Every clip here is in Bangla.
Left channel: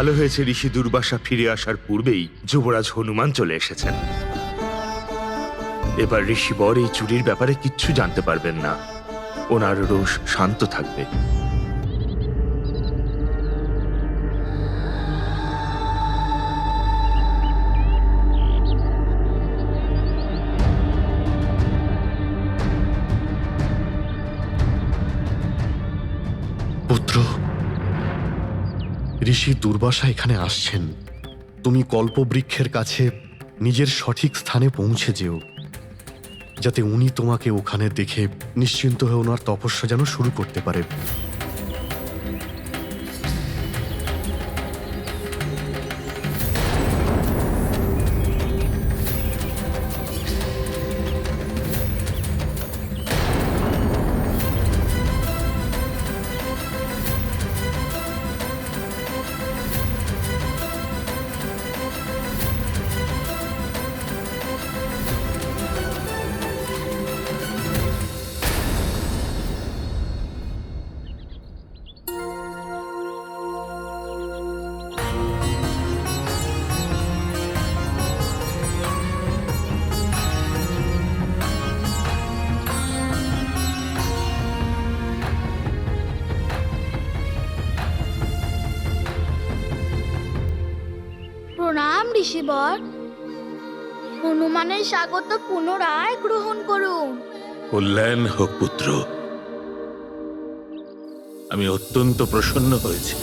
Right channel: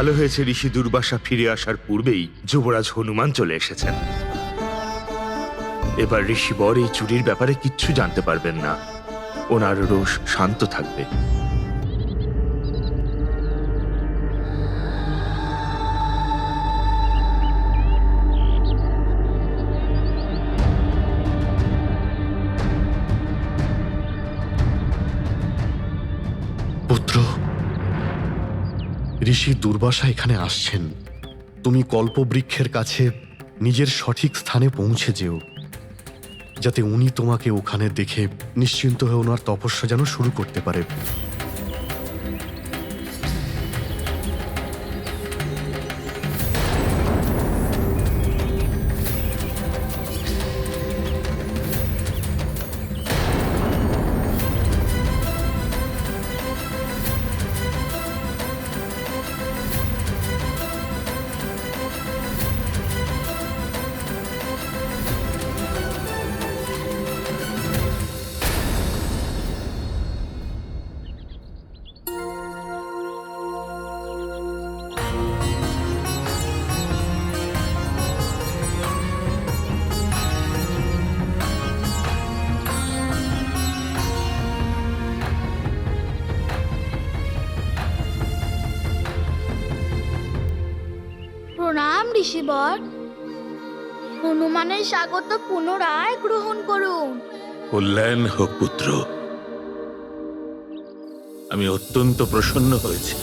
ভালো হয়েছে ঋষি দুর্বাসা ফিরে আসার পূর্বেই যুবরাজ হনুমান চলে এসেছেন। এবার ঋষিবর এই চুরির ব্যাপারে কিচ্ছু জানতে পারবেন না। ওনার রোষ শান্ত থাকবে। পুত্র, ঋষি দুর্বাসা এখানে আসছেন। তুমি কল্পবৃক্ষের কাছে নিজের সঠিক স্থানে পৌঁছে যেও, যাতে উনি তোমাকে ওখানে দেখে নিশ্চিন্ত হয়ে ওনার তপস্যা যেন শুরু করতে পারে। প্রণাম ঋষিবর। হনুমানের স্বাগত পুনরায় গ্রহণ করুন। কল্যাণ হোক পুত্র। আমি অত্যন্ত প্রসন্ন হয়েছি।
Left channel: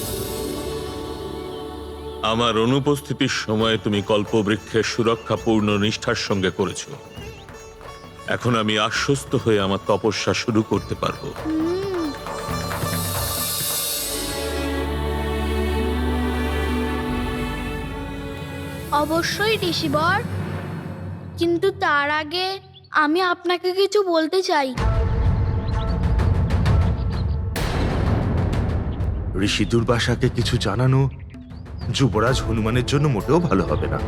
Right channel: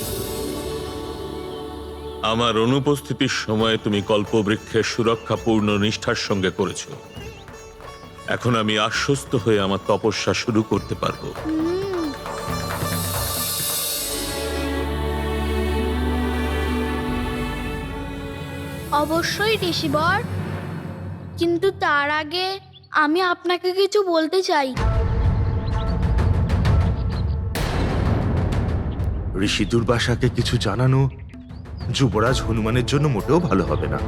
আমার অনুপস্থিতির সময় তুমি কল্পবৃক্ষের সুরক্ষা পূর্ণ নিষ্ঠার সঙ্গে করেছ। এখন আমি আশ্বস্ত হয়ে আমার তপস্যা শুরু করতে পারবো। অবশ্যই ঋষিবর, কিন্তু তার আগে আমি আপনাকে কিছু বলতে চাই। ঋষি দুর্বাসাকে কিছু জানানো যুবরাজ হনুমানের জন্য মোটেও ভালো হবে না।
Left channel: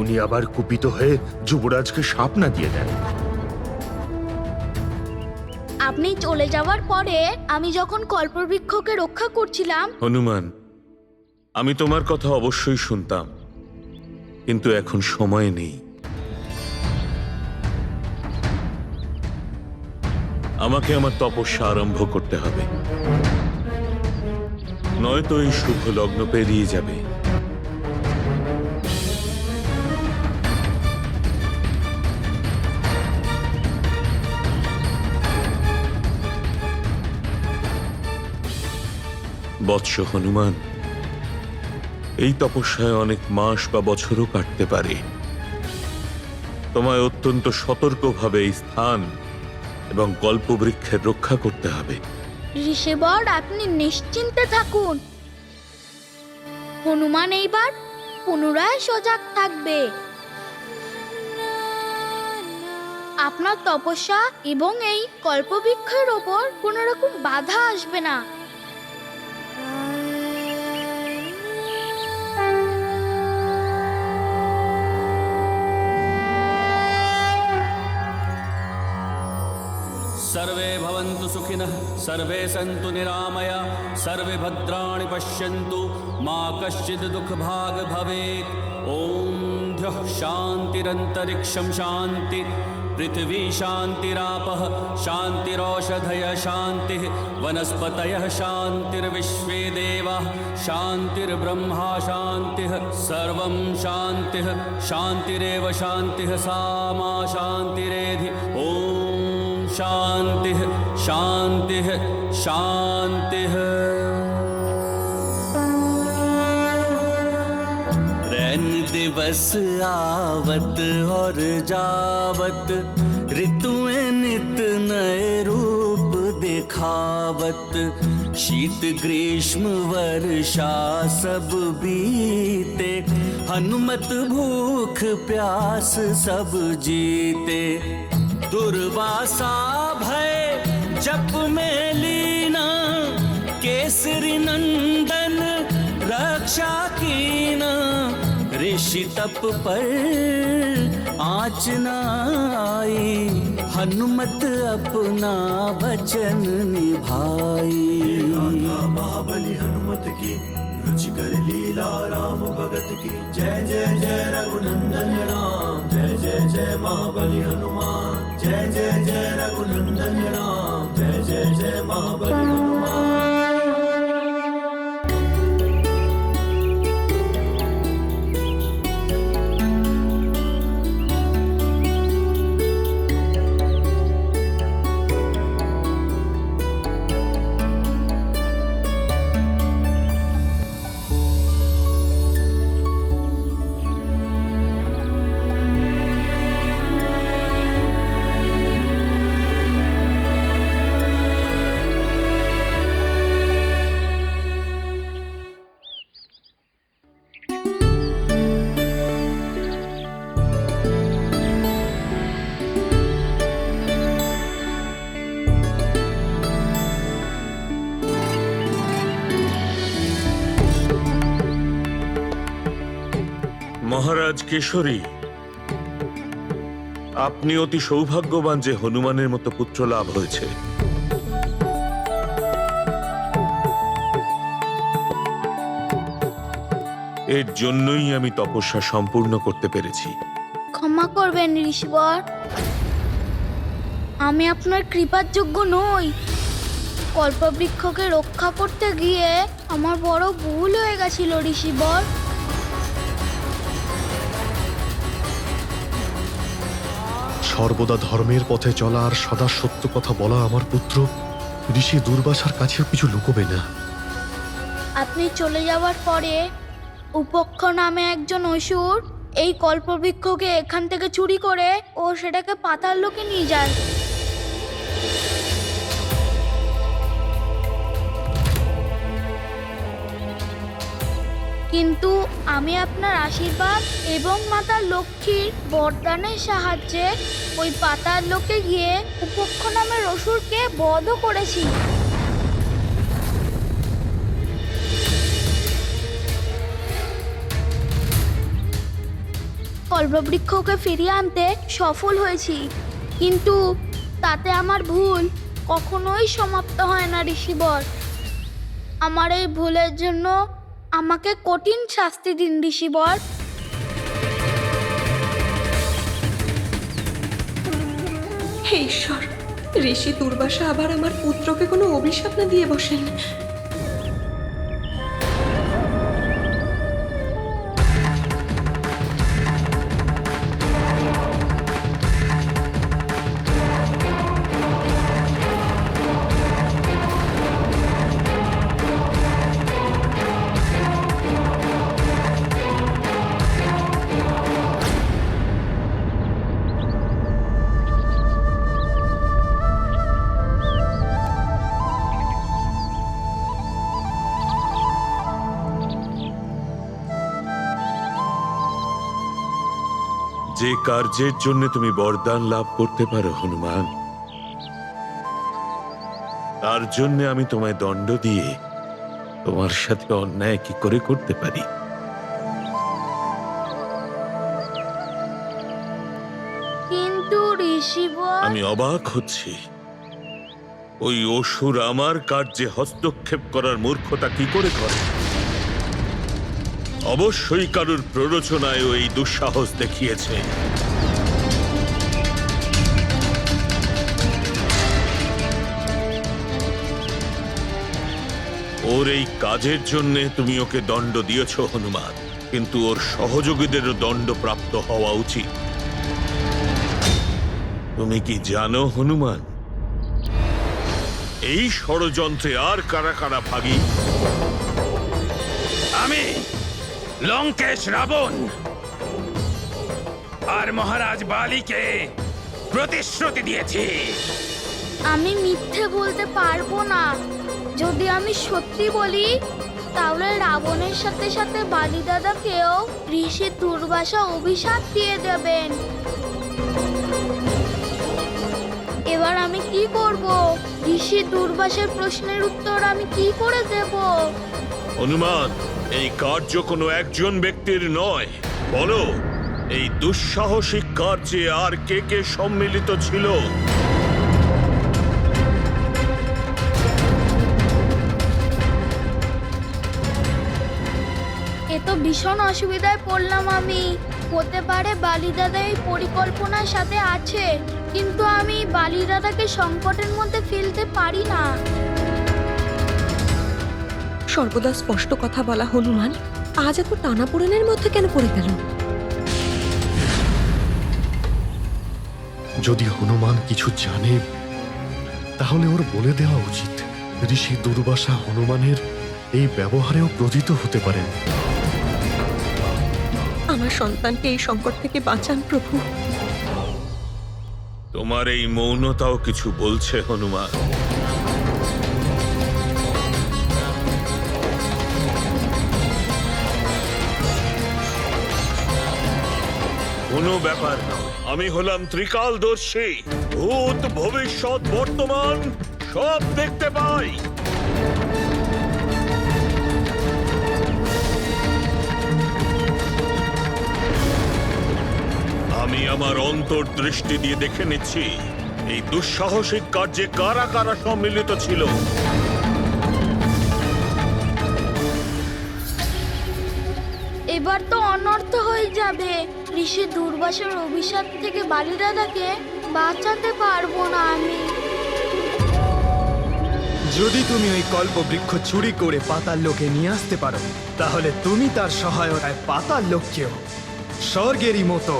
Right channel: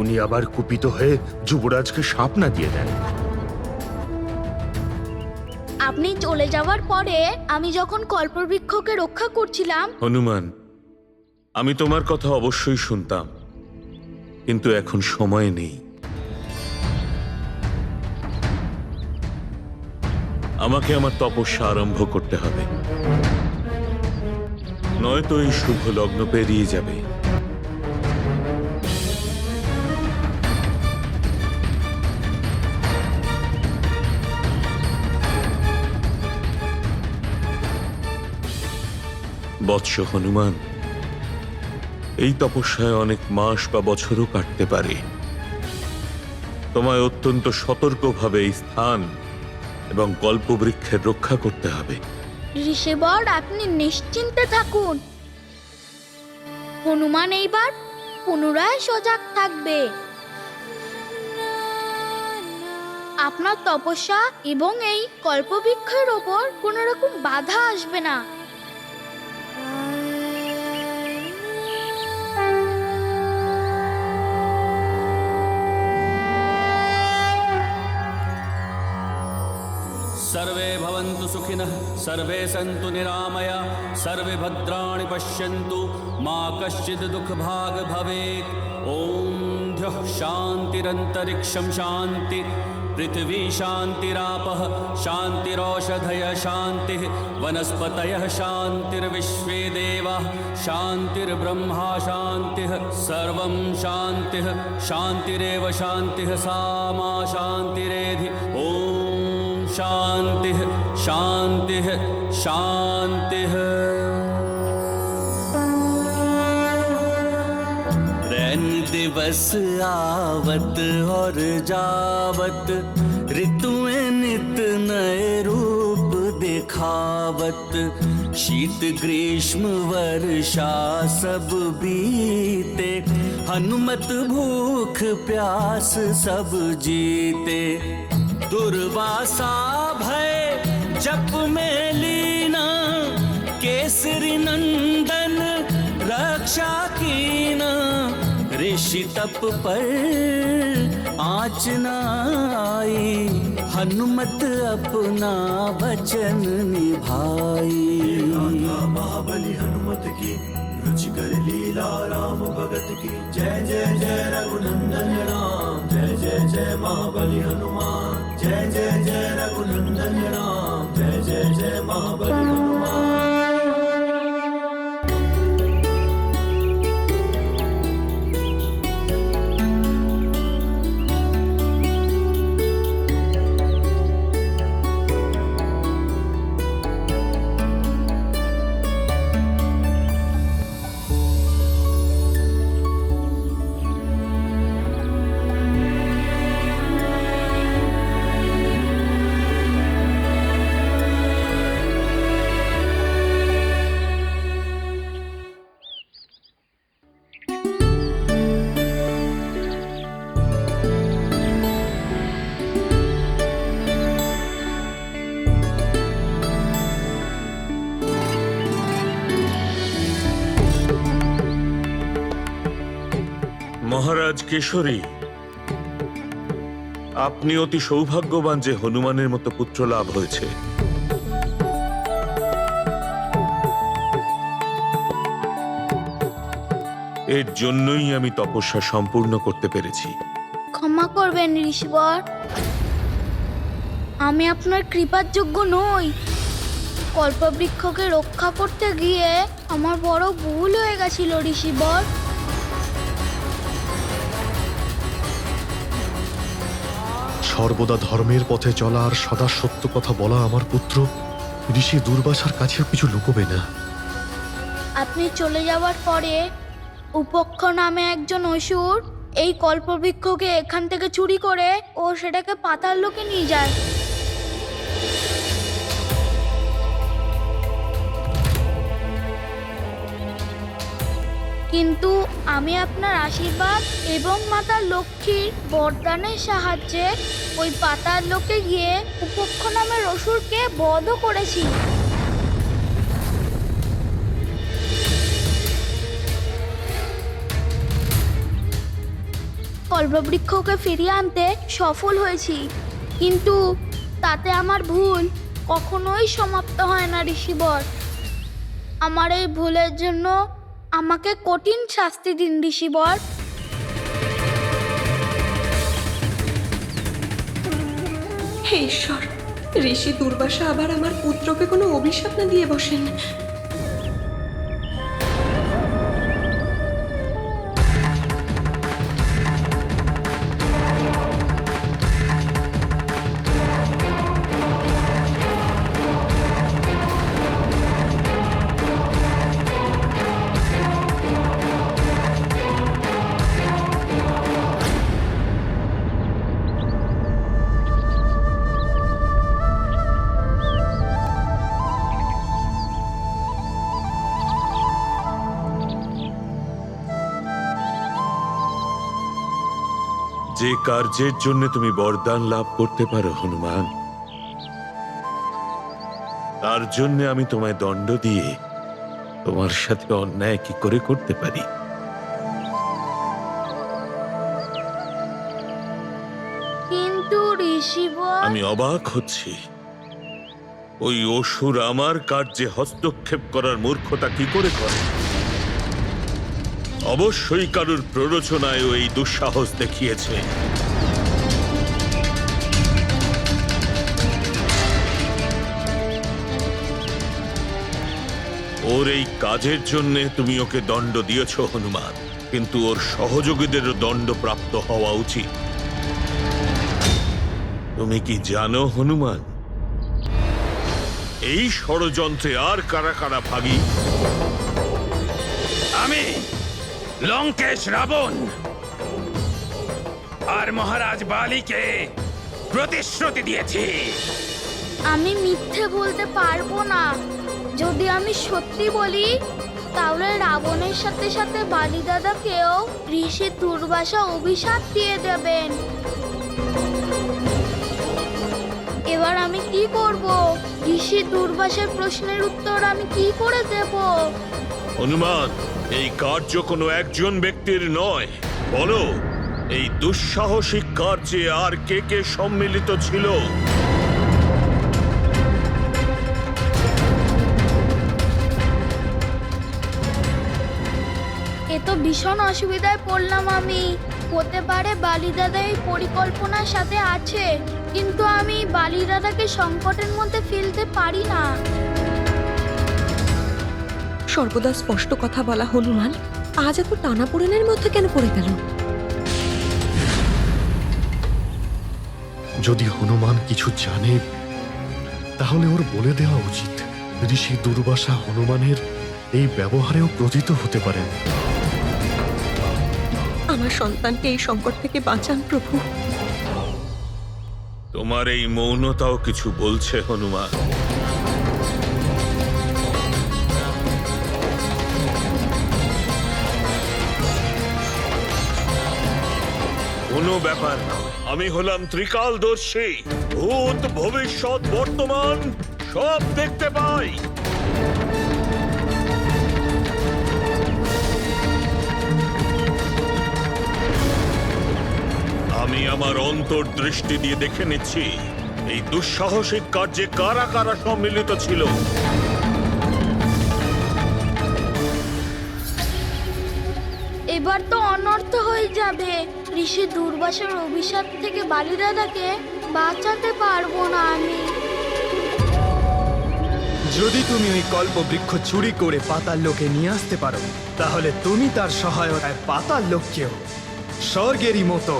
উনি আবার কুপিত হয়ে যুবরাজকে শাপ না দিয়ে দেন। আপনি চলে যাওয়ার পরে আমি যখন কল্পবৃক্ষকে রক্ষা করছিলাম, হনুমান, আমি তোমার কথা অবশ্যই শুনতাম, কিন্তু এখন সময় নেই। আমাকে আমার তপস্যা আরম্ভ করতে হবে, নয়তো এই শুভ লগ্ন পেরিয়ে যাবে। বৎস হনুমান, এই তপস্যায় অনেক মাস বা বছরও কাটতে পারে। তোমায় অত্যন্ত সতর্কভাবে এই স্থান এবং কল্পবৃক্ষের রক্ষা করতে হবে। ঋষিবর আপনি নিশ্চিন্তে থাকুন। হনুমান এইবার পুনরায় সজাগ থাকবে। আপনার তপস্যা এবং এই কল্পবৃক্ষের ওপর কোনো রকম বাধা আসবে না। सर्वे भवन्तु सुखिनः, सर्वे सन्तु निरामया, सर्वे भद्राणि पश्यन्तु, मा कश्चित् दुःखभाग् भवेत्। ॐ द्यौः शान्तिरन्तरिक्षं शान्ति, पृथिवी शान्तिरापः शान्तिरौषधयः शान्तिः, वनस्पतयः शान्तिर्विश्वे देवाः शान्तिर्ब्रह्मा शान्तिः, सर्वं शान्तिः शान्तिरेव शान्तिः, सा मा शान्तिरेधि। ॐ शान्तिः शान्तिः शान्तिः। रैन दिवस आवत और जावत, ऋतुएं नित नए रूप दिखावत, शीत ग्रीष्म वर्षा सब बीते, हनुमत भूख प्यास सब जीते। दुर्वासा भय जप में लीना, केसरी नंदन रक्षा कीना, ऋषि तप पर आँच न आई, हनुमत अपना वचन निभाई। महाबली हनुमत की रुचिकर लीला राम भगत की। जय जय जय रघुनंदन राम, जय जय जय महाबली हनुमान। जय जय जय रघुनंदन राम, जय जय जय महाबली हनुमान। মহারাজ কেশরী, আপনি অতি সৌভাগ্যবান যে হনুমানের মতো পুত্র লাভ হয়েছে। এর জন্যই আমি তপস্যা সম্পূর্ণ করতে পেরেছি। ক্ষমা করবেন ঋষিবর, আমি আপনার কৃপার যোগ্য নই। কল্পবৃক্ষকে রক্ষা করতে গিয়ে আমার বড় ভুল হয়ে গেছিল ঋষিবর। সর্বদা ধর্মের পথে চলা আর সদা সত্য কথা বলা আমার পুত্র ঋষি দুর্বাসার কাছেও কিছু লুকোবে না। আপনি চলে যাওয়ার পরে উপক্ষ নামে একজন অসুর এই কল্পবৃক্ষকে এখান থেকে চুরি করে ও সেটাকে পাতাল লোকে নিয়ে যায়। কিন্তু আমি আপনার আশীর্বাদ এবং মাতা লক্ষ্মীর বরদানের সাহায্যে ওই পাতাল লোকে গিয়ে উপক্ষ নামের অসুরকে বধও করেছি। কল্পবৃক্ষকে ফিরিয়ে আনতে সফল হয়েছি, কিন্তু তাতে আমার ভুল কখনোই সমাপ্ত হয় না ঋষিবর। আমার এই ভুলের জন্য আমাকে কঠিন শাস্তি দিন ঋষিবর। হে ঈশ্বর, ঋষি দুর্বাসা আবার আমার পুত্রকে কোনো অভিশাপ না দিয়ে বসেন। যে কার্যের জন্য তুমি বরদান লাভ করতে পারো হনুমান, তার জন্য আমি তোমায় দণ্ড দিয়ে তোমার সাথে অন্যায় কি করে করতে পারি? কিন্তু ঋষিবর, আমি অবাক হচ্ছি, ওই অসুর আমার কার্যে হস্তক্ষেপ করার মূর্খতা কি করে করে? অবশ্যই কারুর প্ররোচনায় এই দুঃসাহস দেখিয়েছে। ওর এই কাজের জন্য তুমি ওকে দণ্ড দিয়েছ হনুমান, কিন্তু ওর সহযোগীদেরও দণ্ড প্রাপ্ত হওয়া উচিত। তুমি কি জানো হনুমান, এই ষড়যন্ত্রে আর কারা কারা ভাগী? আমি লঙ্কেশ রাবণ আর মহারাজ বালিকে প্রতিশ্রুতি দিয়েছি। আমি মিথ্যে বলতে পারবো না। যদি আমি সত্যি বলি তাহলে রাবণের সাথে সাথে বালি দাদাকেও ঋষি দুর্বাসা অভিশাপ দিয়ে দেবেন। এবার আমি কি করব? ঋষি দুর্বাসার প্রশ্নের উত্তর আমি কি করে দেব? হনুমান, এই কার্য কোনো একজন ব্যক্তির নয়, বলো এই দুঃসাহসিক কার্যে আর কে কে সম্মিলিত ছিল? এ তো ভীষণ অসুবিধায় পড়লাম আমি। হতে পারে বালি দাদা এই পরিকল্পনার সাথে আছে, কিন্তু আমি বালি দাদাকে সংকটের মধ্যে ফেলতে পারি না। সর্বদা স্পষ্ট কথা বলা হনুমান আজ এত টানাপোড়েনের মধ্যে কেন পড়ে গেল? যদি হনুমান কিছু জানে তাহলে ওর বলে দেওয়া উচিত। ঋষি দুর্বাসা হনুমানের এই ব্যবহারেও ক্রোধিত হতে পারেন। আমার সন্তানকে এই সংকট থেকে বাঁচান প্রভু। তোমার এই মৌনতাও কিছু বলছে হনুমান। কোনো ব্যাপার নয়, আমি হলাম ত্রিকালদর্শী। ভূত, ভবিষ্যৎ, বর্তমান সব দেখতে পাই। আমি আমার অন্তর্দৃষ্টি দিয়ে দেখে নিচ্ছি এই দুঃসাহসিক কার্যে কারা কারা সম্মিলিত ছিল। এবার তো অনর্থ হয়ে যাবে। ঋষি দুর্বাসার অভিশাপ থেকে বালি দাদাকে বাঁচাতে পারবো না আমি। যদি তুমি ওই কল্পবৃক্ষ চুরি করে পাতাল লোকে নিয়ে আসতে পারো, তাহলে তুমি তার সহায়তায় পাতাল লোককেও স্বর্গেরই মতো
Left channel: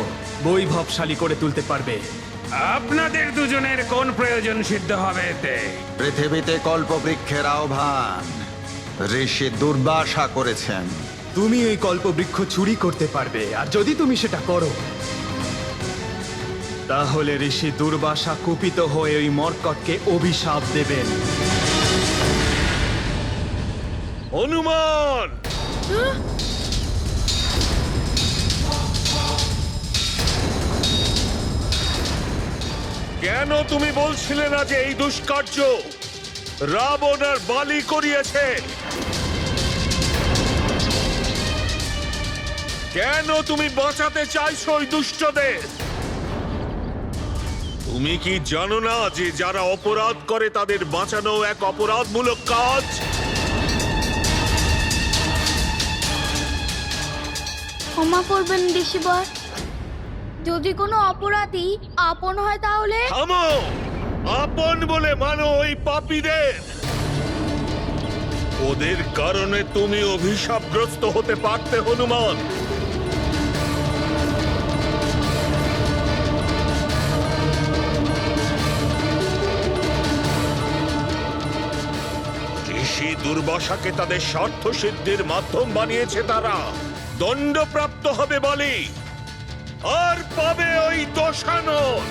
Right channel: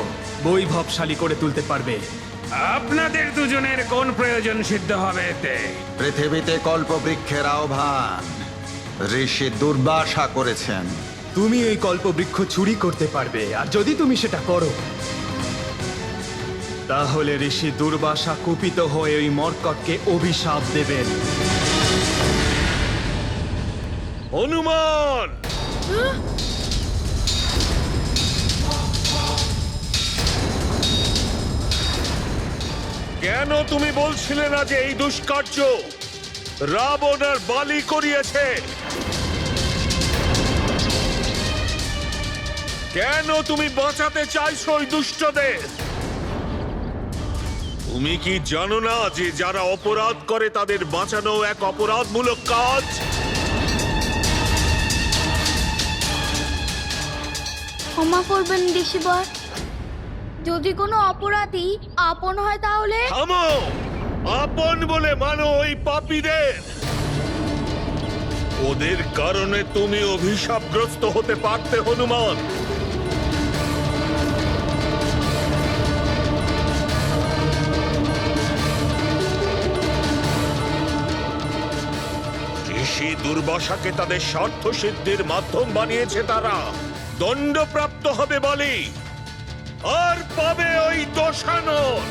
বৈভবশালী করে তুলতে পারবে। আপনাদের দুজনের কোন প্রয়োজন সিদ্ধ হবে এতে? পৃথিবীতে কল্পবৃক্ষের আহ্বান ঋষি দুর্বাসা করেছেন। তুমি ওই কল্পবৃক্ষ চুরি করতে পারবে, আর যদি তুমি সেটা করো তাহলে ঋষি দুর্বাসা কুপিত হয়ে ওই মর্কটকে অভিশাপ দেবেন। হনুমান, কেন তুমি বলছিলে না যে এই দুষ্কার্য রাবণ আর বালি করিয়েছে? কেন তুমি বাঁচাতে চাইছো ওই দুষ্টদের? তুমি কি জানো না যে যারা অপরাধ করে তাদের বাঁচানো এক অপরাধমূলক কাজ? ক্ষমা করবেন ঋষিবর, যদি কোনো অপরাধী আপন হয় তাহলে। থামো! আপন বলে মানো ওই পাপীদের। ওদের কারণে তুমি অভিশাপগ্রস্ত হতে পারতে হনুমান। ঋষি দুর্বাসাকে তাদের স্বার্থ সিদ্ধির মাধ্যম বানিয়েছে তারা। দণ্ডপ্রাপ্ত হবে বলি, আর পাবে ওই দোষানল।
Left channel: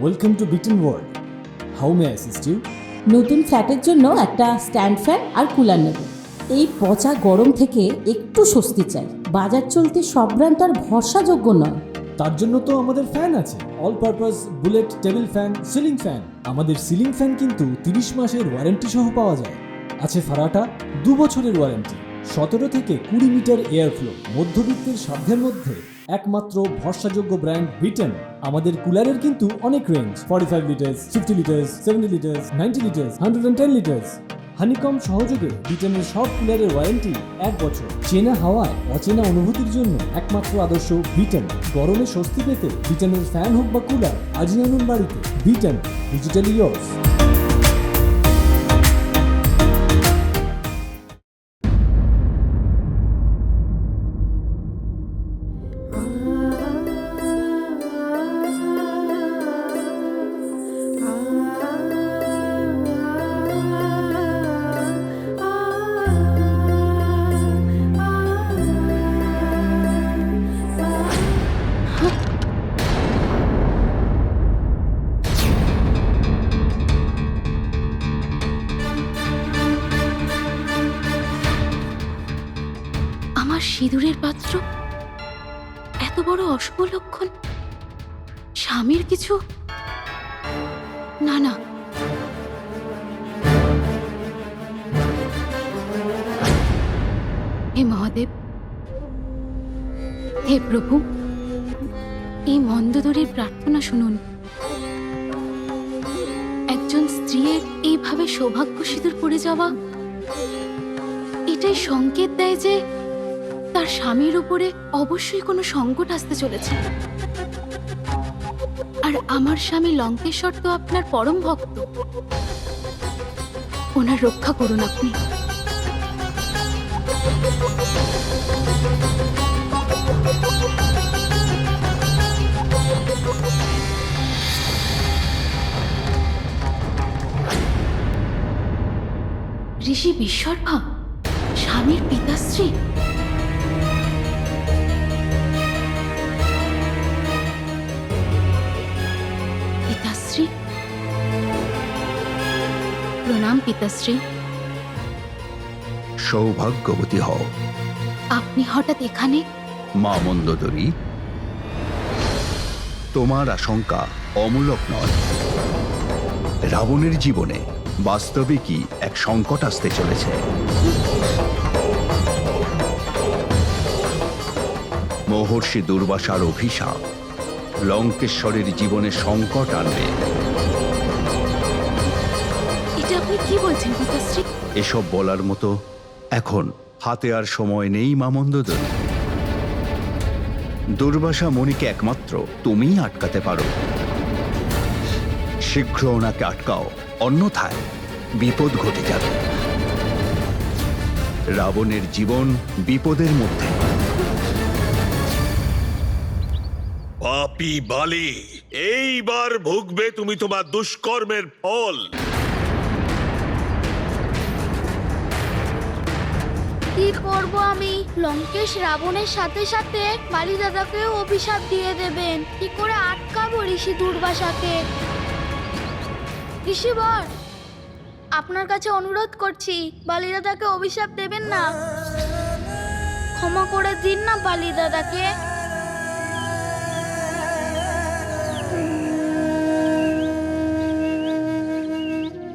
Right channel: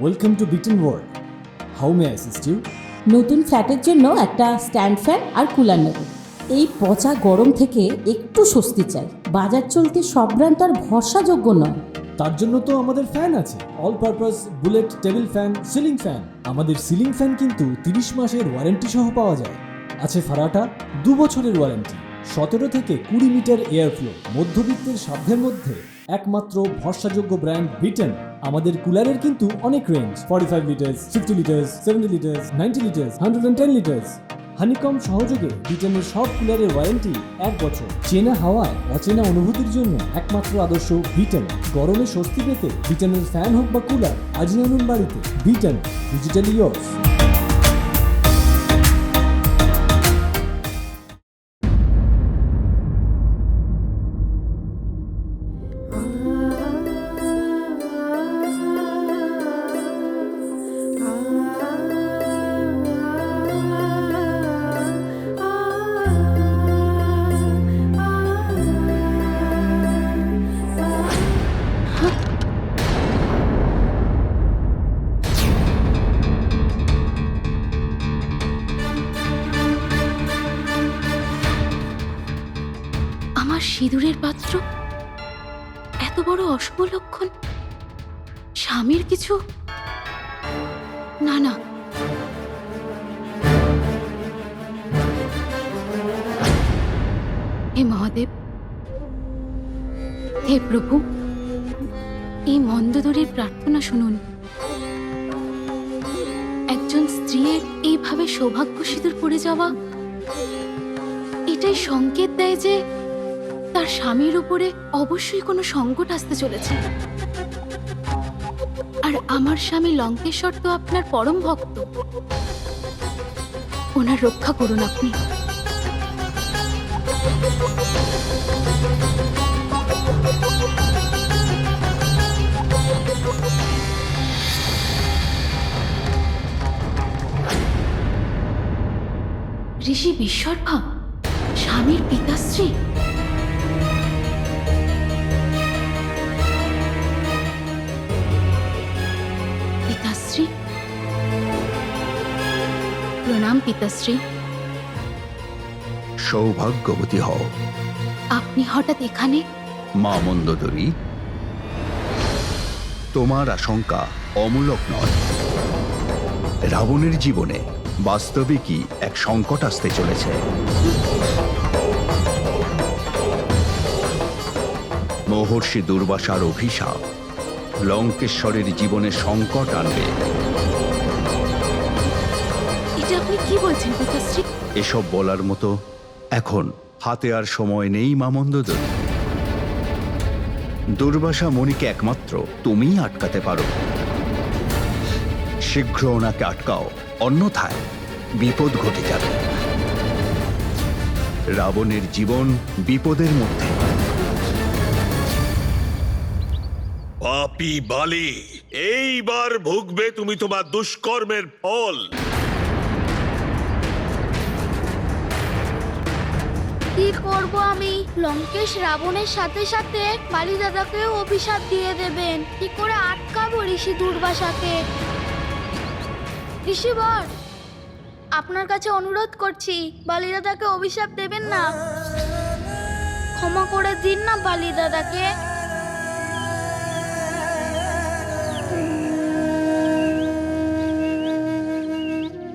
Welcome to Biten world. How may assist you? নতুন ফ্ল্যাটের জন্য একটা স্ট্যান্ড ফ্যান আর কুলার নেব। এই পচা গরম থেকে একটু স্বস্তি চাই। বাজার চলতে সব ব্র্যান্ড আর ভরসাযোগ্য নয়। তার জন্য তো আমাদের ফ্যান আছে, all purpose bullet table fan, ceiling fan. আমাদের সিলিং ফ্যান কিন্তু 30 মাসের ওয়ারেন্টি সহ পাওয়া যায়। আছে ফারাটা 2 বছরের ওয়ারেন্টি, 17 থেকে 20 মিটার এয়ার ফ্লো, মধ্যবিত্তের সাধ্যের মধ্যে একমাত্র ভরসাযোগ্য ব্র্যান্ড বিটেন। আমাদের কুলারের কিন্তু অনেক range, 45 litres, 50 litres, 70 litres, 90 litres, 110 litres. Honeycomb সহযোগে বিটেনের সব কুলারের ওয়ারেন্টি 1 বছর। চেনা হাওয়ায় অচেনা অনুভূতির জন্য একমাত্র আদর্শ বিটেন। গরমে স্বস্তি পেতে বিটেনের ফ্যান হোক বা কুলার, আজই আনুন বাড়িতে। Beaten, digitally yours. আমার সিঁদুরের পাত্র, এত বড় অশুভ লক্ষণ? স্বামীর কিছু? না না, হে মহাদেব, হে প্রভু, এই মন্দোদরীর প্রার্থনা শুনুন। একজন স্ত্রীর এইভাবে সৌভাগ্য সিঁদুর পড়ে যাওয়া, এটাই সংকেত দেয় যে তার স্বামীর উপরে অবশ্যই কোনো সংকট আসতে চলেছে। আর আমার স্বামী লঙ্কেশ্বর তো আপনার পরম ভক্ত, ওনার রক্ষা করুন আপনি। ঋষি বিশ্বর্ভা স্বামীর পিতাশ্রী? পিতাশ্রী, প্রণাম পিতাশ্রী। সৌভাগ্যবতী হও আপনি হঠাৎ এখানে? মা মন্দোদরী, তোমার আশঙ্কা অমূলক নয়। রাবণের জীবনে বাস্তবিকই এক সংকট আসতে চলেছে। মহর্ষি দুর্বাসার অভিশাপ লঙ্কেশ্বরের জীবনে সংকট আনবে। এটা আপনি কি বলছেন পিতাশ্রী? এসব বলার মতো এখন হাতে আর সময় নেই মা মন্দোদরী। দুর্বাসা মণিকে একমাত্র তুমিই আটকাতে পারো। শীঘ্র ওনাকে আটকাও, অন্যথায় বিপদ ঘটে যাবে। রাবণের জীবন বিপদের মধ্যে। পাপী বালি, এইবার ভুগবে তুমি তোমার দুষ্কর্মের ফল। কি করব আমি? লঙ্কেশ রাবণের সাথে সাথে বালি দাদাকেও অভিশাপ দিয়ে দেবেন। কি করে আটকাবো ঋষি দুর্বাসাকে? ঋষিবর, আপনার কাছে অনুরোধ করছি, বালি দাদাকে অভিশাপ দেবেন না। ক্ষমা করে দিন না বালি দাদাকে।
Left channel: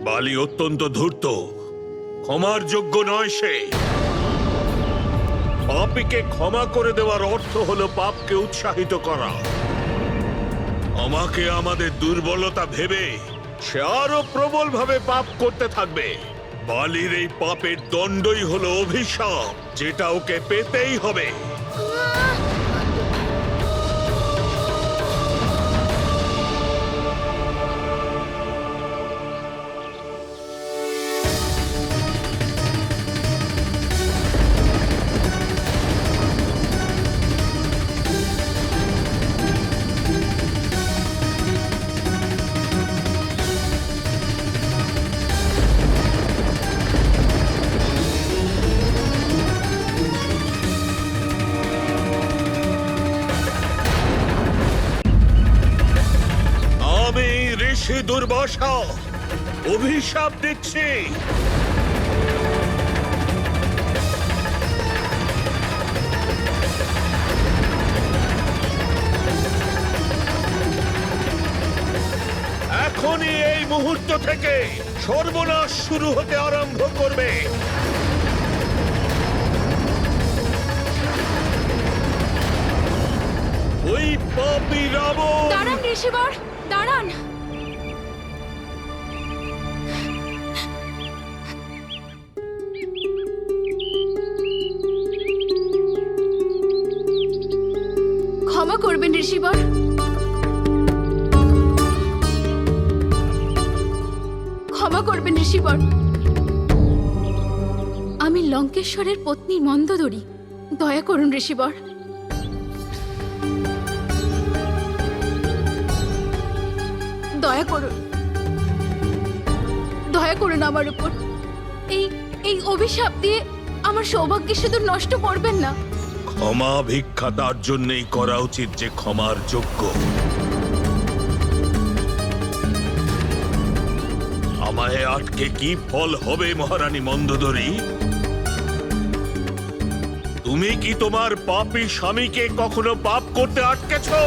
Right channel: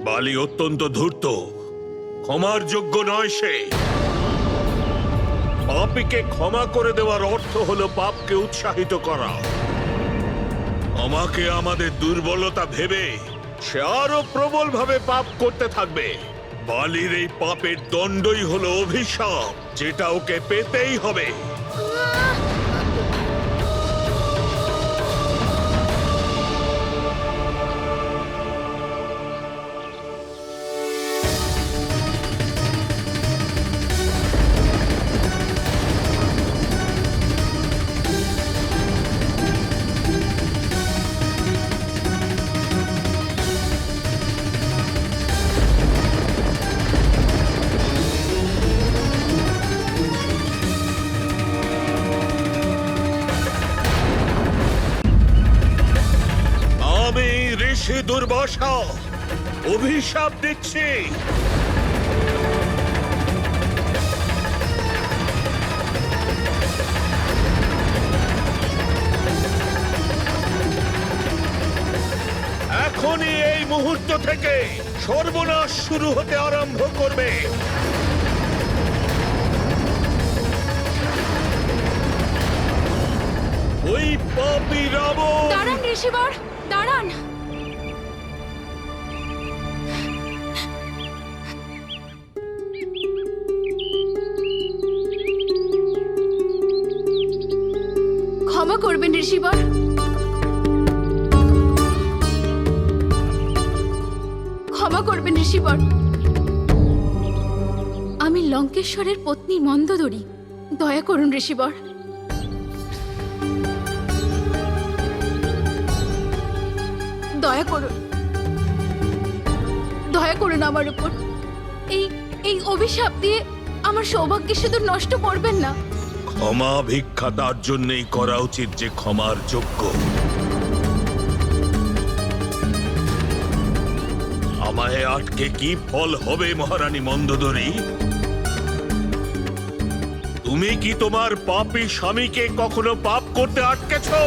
বালি অত্যন্ত ধূর্ত, ক্ষমার যোগ্য নয় সে। পাপীকে ক্ষমা করে দেওয়ার অর্থ হলো পাপকে উৎসাহিত করা। আমাকে আমাদের দুর্বলতা ভেবে সে আরো প্রবল ভাবে পাপ করতে থাকবে। বালির এই পাপের দণ্ডই হলো অভিশাপ, যেটা ওকে পেতেই হবে। আমি ঋষি দুর্বাসা অভিশাপ দিচ্ছি। এখনই এই মুহূর্ত থেকে সর্বনাশ শুরু হতে আরম্ভ করবে। ওই পাপী রাবণ। দাঁড়ান ঋষিবর, দাঁড়ান। ক্ষমা করবেন ঋষিবর। ক্ষমা করবেন ঋষিবর। আমি লঙ্কেশ্বরের পত্নী মন্দোদরী, দয়া করুন ঋষিবর। দয়া করুন, দয়া করুন আমার উপর। এই অভিশাপ দিয়ে আমার সৌভাগ্যের সিঁদুর নষ্ট করবেন না। ক্ষমা ভিক্ষা তার জন্যই করা উচিত যে ক্ষমার যোগ্য। আমায় আটকে কি ফল হবে মহারানী মন্দোদরী? তুমি কি তোমার পাপী স্বামীকে কখনো পাপ করতে আটকেছো?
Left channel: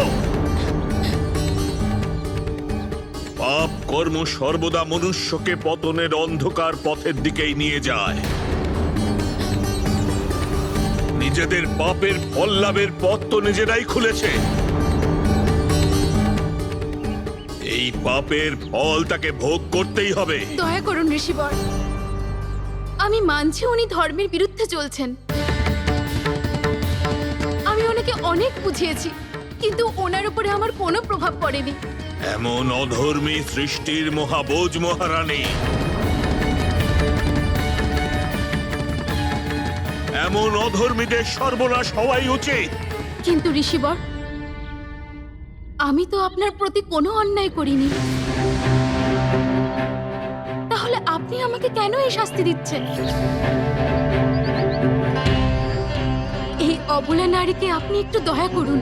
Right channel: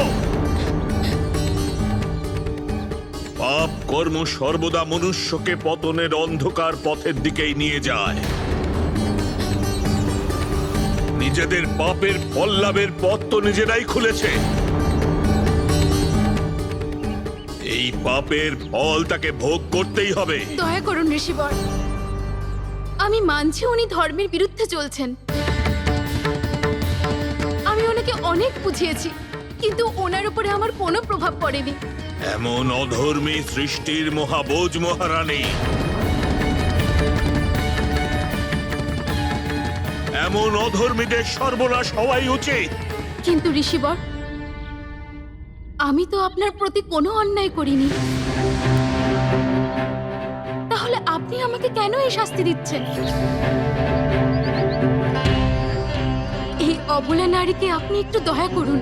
পাপ কর্ম সর্বদা মনুষ্যকে পতনের অন্ধকার পথের দিকেই নিয়ে যায়। নিজেদের পাপের ফল লাভের পথ তো নিজেরাই খুলেছে। এই পাপের ফল তাকে ভোগ করতেই হবে। দয়া করুন ঋষিবর, আমি মানছি উনি ধর্মের বিরুদ্ধে চলছেন। আমি ওনাকে অনেক বুঝিয়েছি, কিন্তু ওনার উপরে আমার কোনো প্রভাব পড়েনি। এমন অধর্মী সৃষ্টির মহাবোজ মহারানী, এমন অধর্মীদের সর্বনাশ হওয়াই উচিত। কিন্তু ঋষিবর, আমি তো আপনার প্রতি কোনো অন্যায় করিনি, তাহলে আপনি আমাকে কেন এই শাস্তি দিচ্ছেন? এই অবলা নারীকে আপনি একটু দয়া করুন।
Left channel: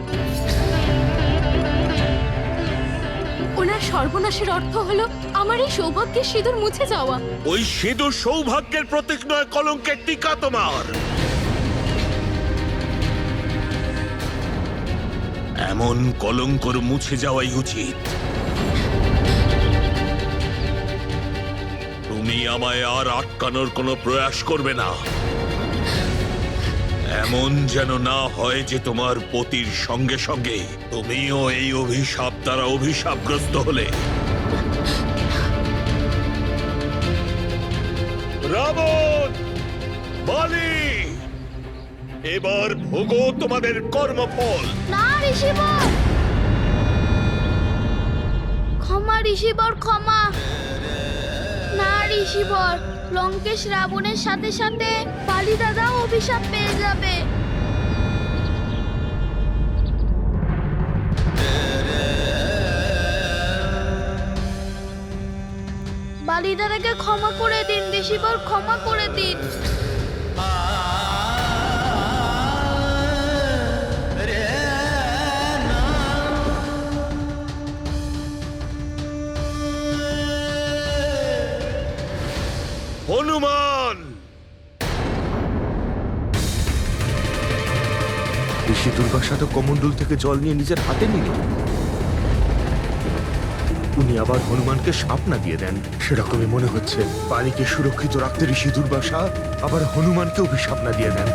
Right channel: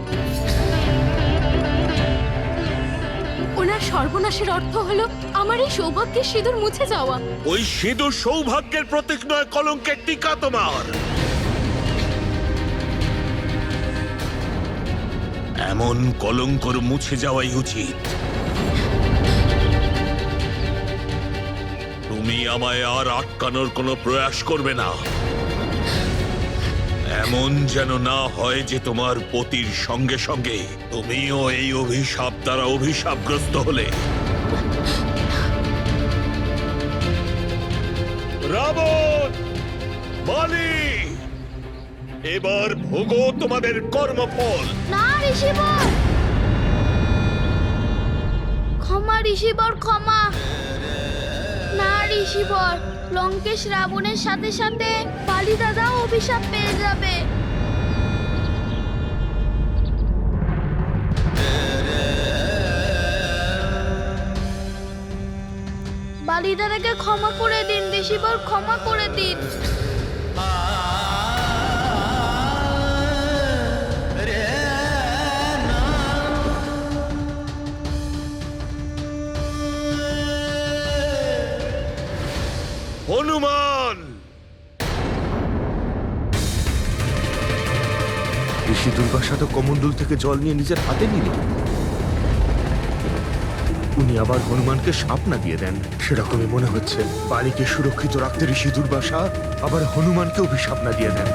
ওনার সর্বনাশের অর্থ হলো আমার এই সৌভাগ্যের সিঁদুর মুছে যাওয়া। ওই সিঁদুর সৌভাগ্যের প্রতীক নয়, কলঙ্কের টিকা তোমার। এমন কলঙ্কর মুছে যাওয়াই উচিত। তুমি আমায় আর আটকানোর কোনো প্রয়াস করবে না। এমন যেন না হয় যে তোমার পতির সঙ্গে সঙ্গে তুমিও এই অভিশাপ দ্বারা অভিশাপগ্রস্ত হলে। রাবণ, বলি, এবার ভোগো তোমাদের কর্মফল। না ঋষিবর, ক্ষমা ঋষিবর, ক্ষমা। না ঋষিবর, লঙ্কেশ রাবণের সাথে সাথে বালি দাদাও অভিশাপ পেয়ে যাবে। বালি দাদাকে ক্ষমা করে দিন ঋষিবর, ক্ষমা করে দিন। হনুমান, ঋষি দুর্বাসা তো কমণ্ডল থেকে জল নিয়ে নিজের হাতে নিলেন। উনি আবার হনুমানকে শাপ না দিয়ে দেন, সেরকমই মনে হচ্ছে। বালিকে সুরক্ষিত রাখতে ঋষি দুর্বাসা আবার হনুমানকে অভিশাপ না দিয়ে দেন।